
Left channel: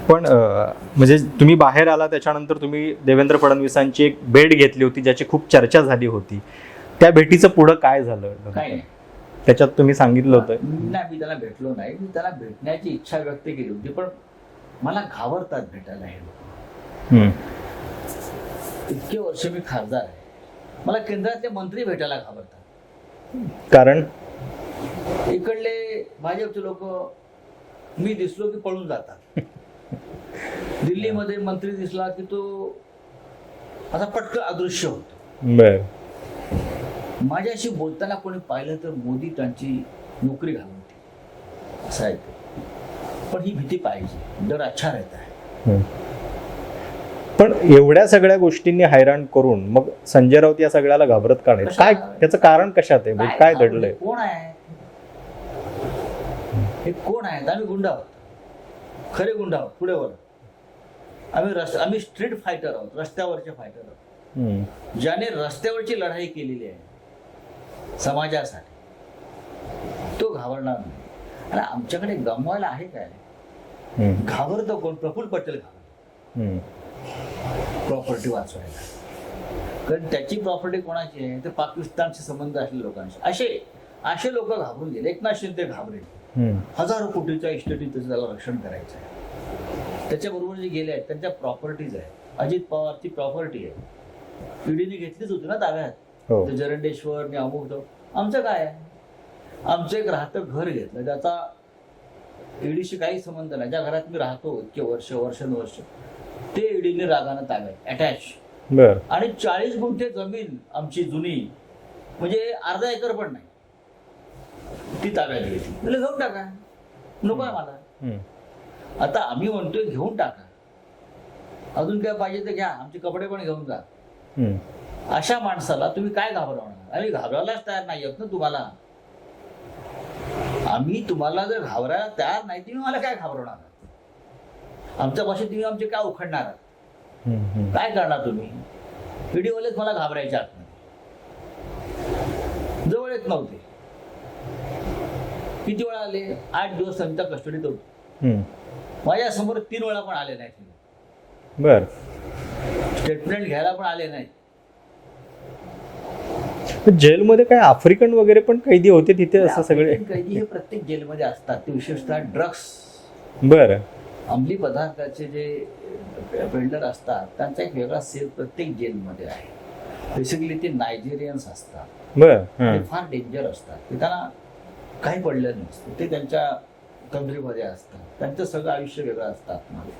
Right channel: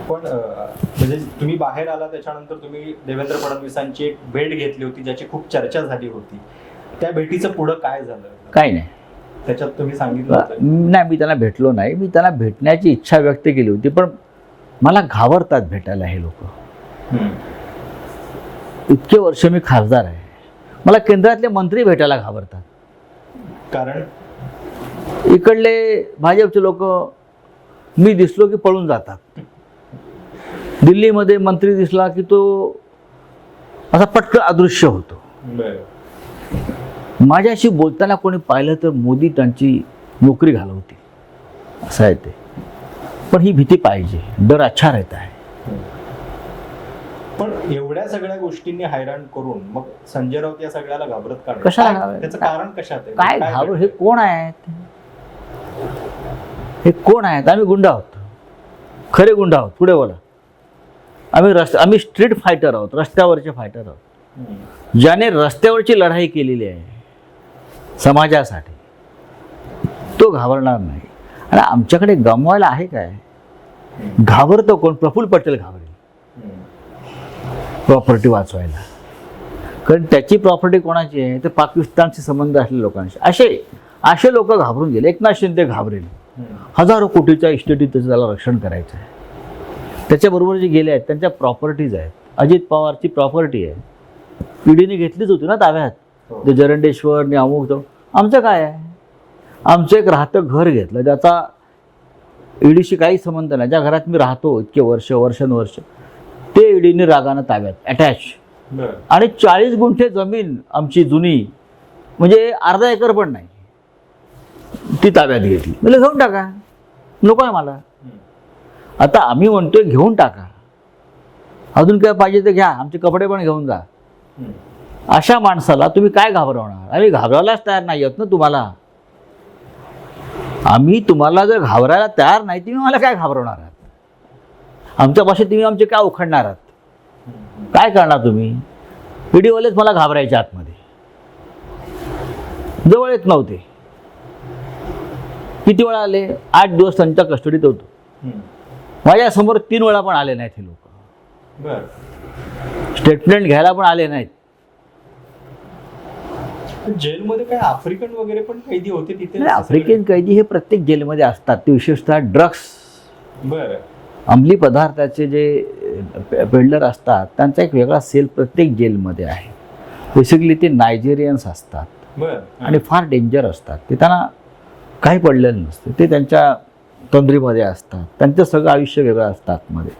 पण म्हणजे तुम्ही बाहेर आला त्याच्यानंतर तुम्ही देवेंद्र फडणवीसांची एक भेट घेतली होती ज्याची खूप चर्चा झाली होती. त्या भेटीचं पुढं काय झालं? काय नाही. त्याच्यात तुम्ही सांगितलं होतं. नाही मी त्यांना भेटलो नाही. मी त्यांना भेटण्याची इच्छा व्यक्त केली होती पण मला घाबरतात भेटायला हे लोक. इतके वर्ष मी खासदार आहे. मला केंद्रातले मंत्री भेटायला घाबरतात. कारण इकडले भाजपचे लोक मी दिसलो की पळून जातात. दिल्लीमध्ये मंत्री दिसला की तो असा पटकन अदृश्य होतो. माझ्याशी बोलताना कोणी पाहिलं तर मोदी त्यांची नोकरी घालवते असं आहे ते. पण ही भीती पाहिजे. डर अच्छा रहता है. पण एवढ्या सगळ्या गोष्टींनी हैराण करून मग संजय राऊत या सगळ्याला घाबरत का नाही? त्याचं कारण कशात आहे? कोण आहेत हे कोण आहेत? आम्ही गुंड आहोत. खरे गुंड आहोत. पुढे बोला. आम्ही रस्ते आम्ही स्ट्रीट फायटर आहोत. रस्त्यावरचे फायटर आहोत. ज्याने रस्त्यावरची लढाई केलेली आहे समाजासाठी तो घाबरणार नाही. आणि आमच्याकडे गमवायला आहे काय? घाबरतो कोण? प्रफुल्ल पटेल घाबरेल. प्रॉपर्टी वाचवायला. कारण त्याची प्रॉपर्टी कोणाची आहे? तर पाकिस्तानशी संबंध असलेल्या लोकांशी. असे असे लोक घाबरून गेले. एकनाथ शिंदे घाबरेल. हजारो कोटीच्या इस्टेटीत त्याचं त्याला रक्षण करायचं आहे. त्याच्याबरोबर जे गेले आहेत त्यांच्या प्रॉपर्टीज आहेत. अजित पवारची प्रॉपर्टी आहे. पिढीने घेतलीच होती ना ताब्यात? हो. ते जरंडेश्वर ने अमुक तो आमचं काय आहे? आमचं एक राहतं घर घेतलं. ज्याचा ईडीशी काही संबंध नाही. ज्या घरात मी राहतो इतके वर्ष वर्षानुवर्ष ते ईडीने रागानं ताब्यात अटॅच आणि चाळीस गुंठे जमीन आमची जुनी. म्हणजे अर्धा एकर पण नाही. ती ताब्यात घेतली. म्हणजे घेऊन टाका. नको आहे मला. आता आम्ही म्हणतोय घेऊन टाका. अजून काय पाहिजे ते घ्या. आमचे कपडे पण घेऊन जा. अशा माणसाला तुम्ही काय घाबरवणार? आम्ही घाबरायलाच तयार नाही आहोत ना तुम्हाला. आम्ही तुम्हाला जर घाबरायला तयार नाही तुम्ही मला काय घाबरवणार आहात? आमच्या भाषेत तुम्ही आमचे काय उखडणार आहात. काय करणार तुम्ही? व्हिडिओवालेच मला घाबरायचे आतमध्ये. जवळ येत नव्हते. किती वेळा आले? आठ दिवस त्यांच्या कस्टडीत होतो. हम्म. माझ्यासमोर तीन वेळा पण आले नाहीत हे लोक. बर. स्टेटमेंट घ्यायला पण आले नाहीत. जेलमध्ये काय आफ्रिकन वगैरे पण कैदी होते तिथे? आफ्रिकन कैदी हे प्रत्येक जेलमध्ये असतात. ते विशेषतः ड्रग्स बर. अंमली पदार्थाचे जे पेडलर असतात त्यांचा एक वेगळा सेल प्रत्येक जेलमध्ये आहे. बेसिकली ते नायजेरियन्स असतात. बर आणि फार डेंजर असतात. ते त्यांना काही पडलेलं नसतं. ते त्यांच्या तंद्रीमध्ये असतात. त्यांचं सगळं आयुष्य वेगळं असतं आतमध्ये.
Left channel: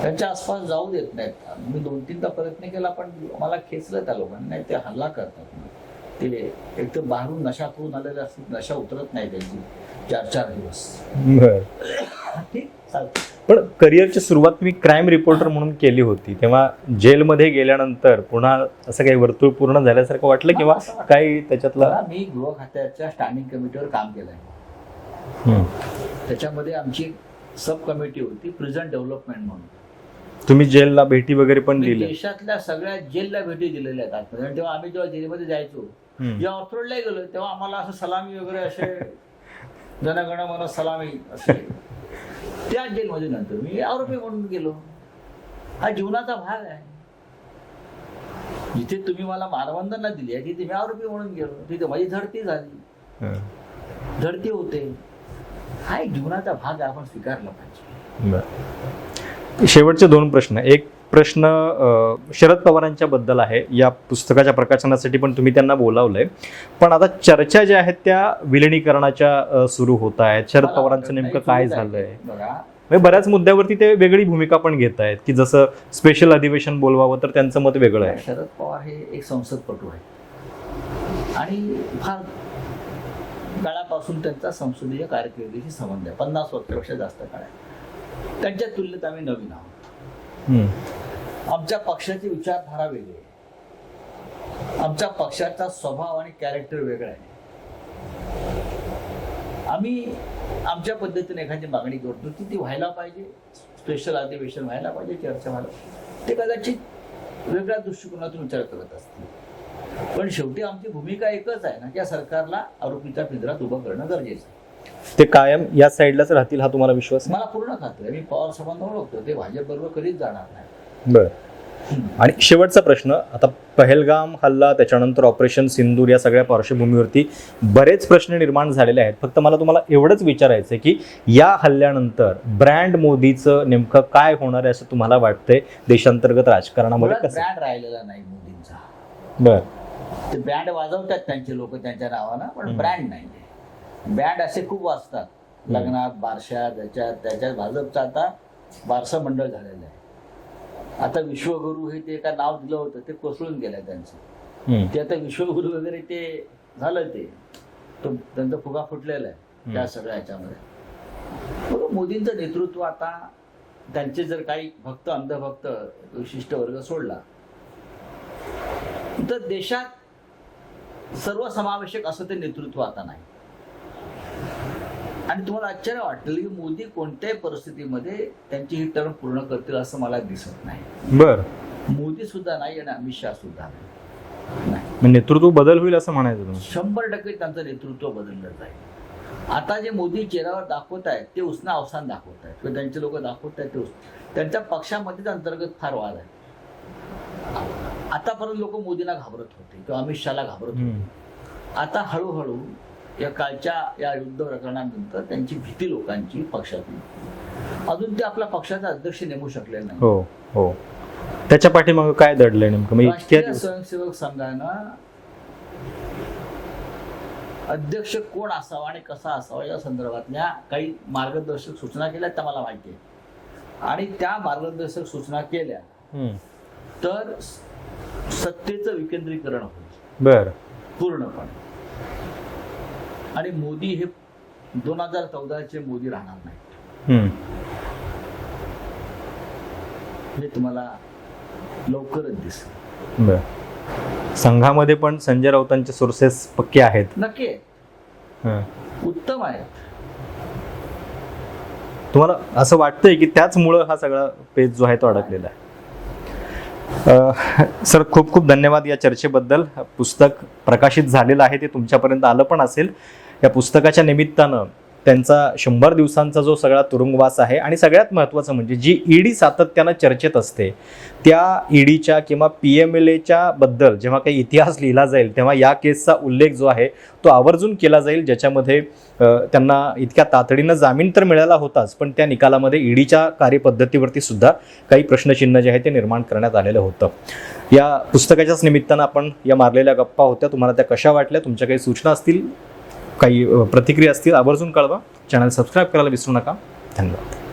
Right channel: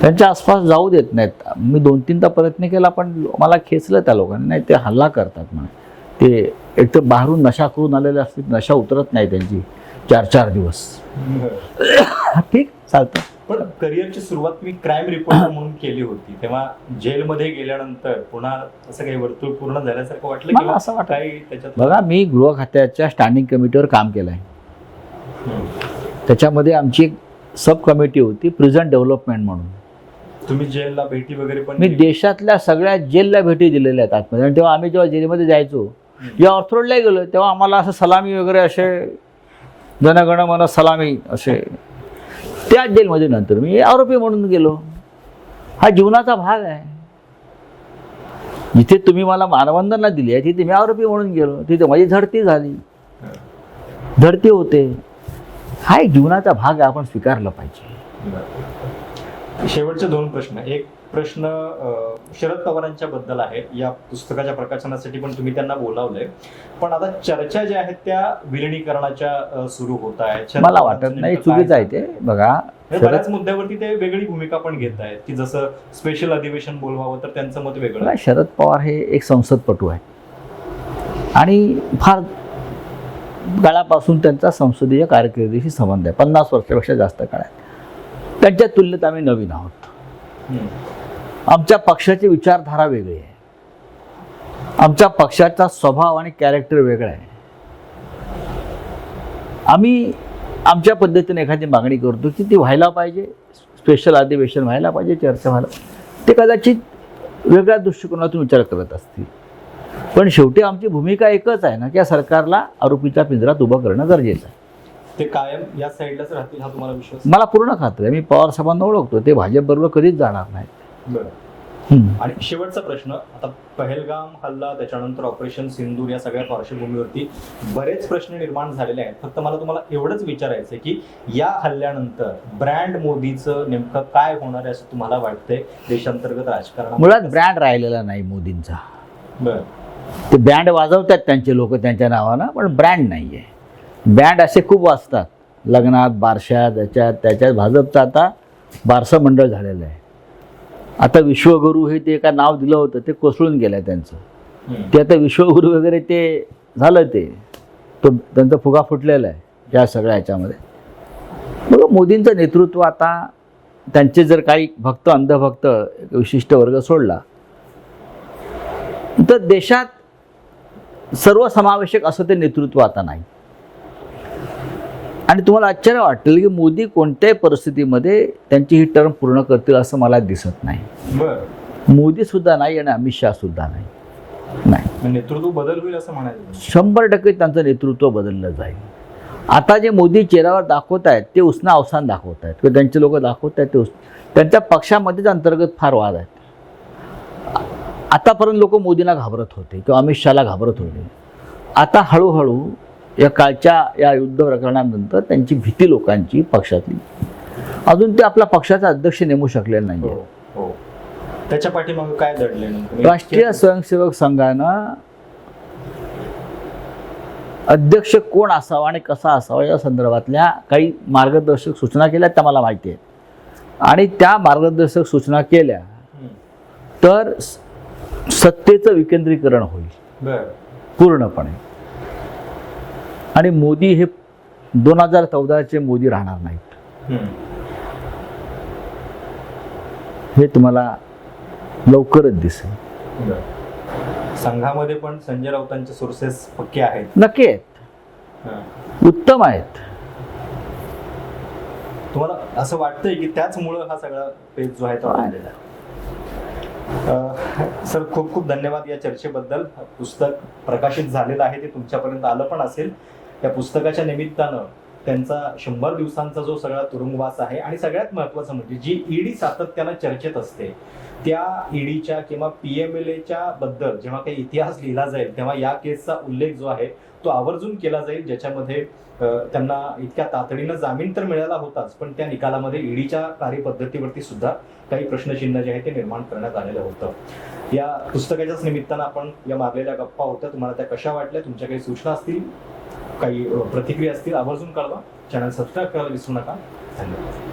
त्यांच्या आसपास जाऊ देत नाहीत. मी दोन तीनदा प्रयत्न केला पण मला खेचलं त्या लोकांनी. नाही ते हल्ला करतात म्हणे. ते एक तर बाहेरून नशा करून आलेले असतील नशा उतरत नाही त्यांची. चार चार दिवस. ठीक. चालतं पण करिअरची सुरुवात तुम्ही क्राईम रिपोर्टर म्हणून केली होती तेव्हा जेलमध्ये गेल्यानंतर पुन्हा असं काही वर्तुळ पूर्ण झाल्यासारखं वाटलं किंवा असं. काही त्याच्यातलं बघा मी गृह खात्याच्या स्टँडिंग कमिटीवर काम केलं आहे. त्याच्यामध्ये आमची एक सब कमिटी होती प्रिझन डेव्हलपमेंट म्हणून तुम्ही जेलला भेटी वगैरे पण मी? देशातल्या सगळ्या जेलला भेटी दिलेल्या आहेत आतमध्ये आणि तेव्हा आम्ही जेव्हा जेलमध्ये जायचो. या ऑर्थरोडला गेलो तेव्हा आम्हाला असं सलामी वगैरे असे जनगण मन सलामी असे त्याच जेलमध्ये नंतर मी आरोपी म्हणून गेलो. हा जीवनाचा भाग आहे. जिथे तुम्ही मला मानवंदना दिली आहे तिथे मी आरोपी म्हणून गेलो. तिथे माझी झडती झाली. धडती होते. हा एक जीवनाचा भाग आहे आपण स्वीकारला पाहिजे. शेवटचे दोन प्रश्न. एक प्रश्न शरद पवारांच्या बद्दल आहे. या पुस्तकाच्या प्रकाशनासाठी पण तुम्ही त्यांना बोलावलंय. पण आता चर्चा ज्या आहेत त्या विलिनीकरणाच्या सुरू होत आहेत. शरद पवारांचं? बघा म्हणजे बऱ्याच मुद्द्यावरती ते वेगळी भूमिका पण घेत आहेत. की जसं स्पेशल अधिवेशन बोलवावं तर त्यांचं मत वेगळं आहे. शरद पवार हे एक संसदपटू आहे आणि फार काळापासून त्यांचा संसदीय कारकिर्दीशी संबंध आहे. पन्नास वर्षापेक्षा जास्त काळ आहे. त्यांच्या तुलनेत आम्ही नवीन आहोत. आमच्या पक्षाची विचारधारा वेगळी आहे. आमच्या पक्षाचा स्वभाव आणि कॅरेक्टर वेगळं आहे. आम्ही आमच्या पद्धतीने एखादी मागणी करतो की ती व्हायला पाहिजे स्पेशल अधिवेशन व्हायला पाहिजे चर्चा व्हायला ते कदाचित वेगळ्या दृष्टिकोनातून विचार करत असतील. पण शेवटी आमची भूमिका एकच आहे ना की या सरकारला आरोपीच्या पिंजरात उभं करणं गरजेचं आहे. ते कायम या साईडलाच राहतील हा तुम्हाला विश्वास? मला पूर्ण खात्री आहे. मी पवार साहेबांना ओळखतो. ते भाजप बरोबर कधीच जाणार नाही. बर. आणि शेवटचा प्रश्न आता पहलगाम हल्ला त्याच्यानंतर ऑपरेशन सिंदूर या सगळ्या पार्श्वभूमीवरती बरेच प्रश्न निर्माण झालेले आहेत. फक्त मला तुम्हाला एवढंच विचारायचं आहे की या हल्ल्यानंतर ब्रँड मोदीचं नेमकं काय होणार आहे असं तुम्हाला वाटतंय? देशांतर्गत कसं? ब्रँड राहिलेला नाही मोदींचा. बर. ते बँड वाजवतात त्यांचे लोक त्यांच्या नावानं पण ब्रँड नाही आहे बँड असे खूप वाजतात. लग्नात बारशात त्याच्यात त्याच्यात भाजपचं आता बारसं मंडळ झालेलं आहे. आता विश्वगुरू हे ते एका नाव दिलं होतं ते कोसळून गेलं त्यांचं. ते आता विश्वगुरू वगैरे ते झालं ते. तो त्यांचा फुगा फुटलेला आहे या सगळ्या ह्याच्यामध्ये. बघा मोदींचं नेतृत्व आता त्यांचे जर काही भक्त अंधभक्त विशिष्ट वर्ग सोडला तर देशात सर्वसमावेशक असं ते नेतृत्व आता नाही. आणि तुम्हाला आश्चर्य वाटेल की मोदी कोणत्याही परिस्थितीमध्ये त्यांची ही टर्म पूर्ण करतील असं मला दिसत नाही. बर. मोदी सुद्धा नाही आणि अमित शहा सुद्धा नाही. नाही. नेतृत्व बदल होईल असं म्हणायचं शंभर टक्के त्यांचं नेतृत्व बदललं जाईल. आता जे मोदी चेहऱ्यावर दाखवत आहेत ते उसना अवसान दाखवत आहेत. किंवा त्यांचे लोक दाखवत आहेत ते उस त्यांच्या पक्षामध्येच अंतर्गत फार वाद आहेत. आतापर्यंत लोक मोदींना घाबरत होते किंवा अमित शहाला घाबरत होते. आता हळूहळू या कालच्या या युद्ध प्रकरणानंतर त्यांची भीती लोकांची पक्षातली. अजून ते आपला पक्षाचा अध्यक्ष नेमू शकले नाही. हो हो. त्याच्या पाठीमागं काय म्हणजे राष्ट्रीय स्वयंसेवक संघानं अध्यक्ष कोण असावा आणि कसा असावा या संदर्भातल्या काही मार्गदर्शक सूचना केल्या त्या मला माहिती आहेत. आणि त्या मार्गदर्शक सूचना केल्या. तर सत्तेचं विकेंद्रीकरण होईल. बर. पूर्णपणे. आणि मोदी हे दोन हजार चौदाचे मोदी राहणार नाहीत. हे तुम्हाला लवकरच दिसेल. संघामध्ये पण संजय राऊतांचे सोर्सेस पक्के आहेत. नक्की आहेत. उत्तम आहेत. तुम्हाला असं वाटतंय की त्याचमुळं हा सगळा पेज जो आहे तो अडकलेला आहे? सर खूप खूप धन्यवाद या चर्चेबद्दल. पुस्तक प्रकाशित झालेलं आहे ते तुमच्यापर्यंत आलं पण असेल. या पुस्तकाच्या निमित्तानं त्यांचा शंभर दिवसांचा जो सगळा तुरुंगवास आहे आणि सगळ्यात महत्त्वाचं म्हणजे जी ईडी सातत्यानं चर्चेत असते त्या ईडीच्या किंवा पी एम एल एच्या बद्दल जेव्हा काही इतिहास लिहिला जाईल तेव्हा या केसचा उल्लेख जो आहे तो आवर्जून केला जाईल ज्याच्यामध्ये त्यांना इतक्या तातडीनं जामीन तर मिळाला होताच पण त्या निकालामध्ये ईडीच्या कार्यपद्धतीवरती सुद्धा काही प्रश्नचिन्ह जे आहे ते निर्माण करण्यात आलेलं होतं. या पुस्तकाच्याच निमित्तानं आपण या मारलेल्या गप्पा होत्या. तुम्हाला त्या कशा वाटल्या? तुमच्या काही सूचना असतील? काही प्रतिक्रिया असतील. आवर्जून कळवा. चॅनल सबस्क्राईब करायला विसरू नका. धन्यवाद.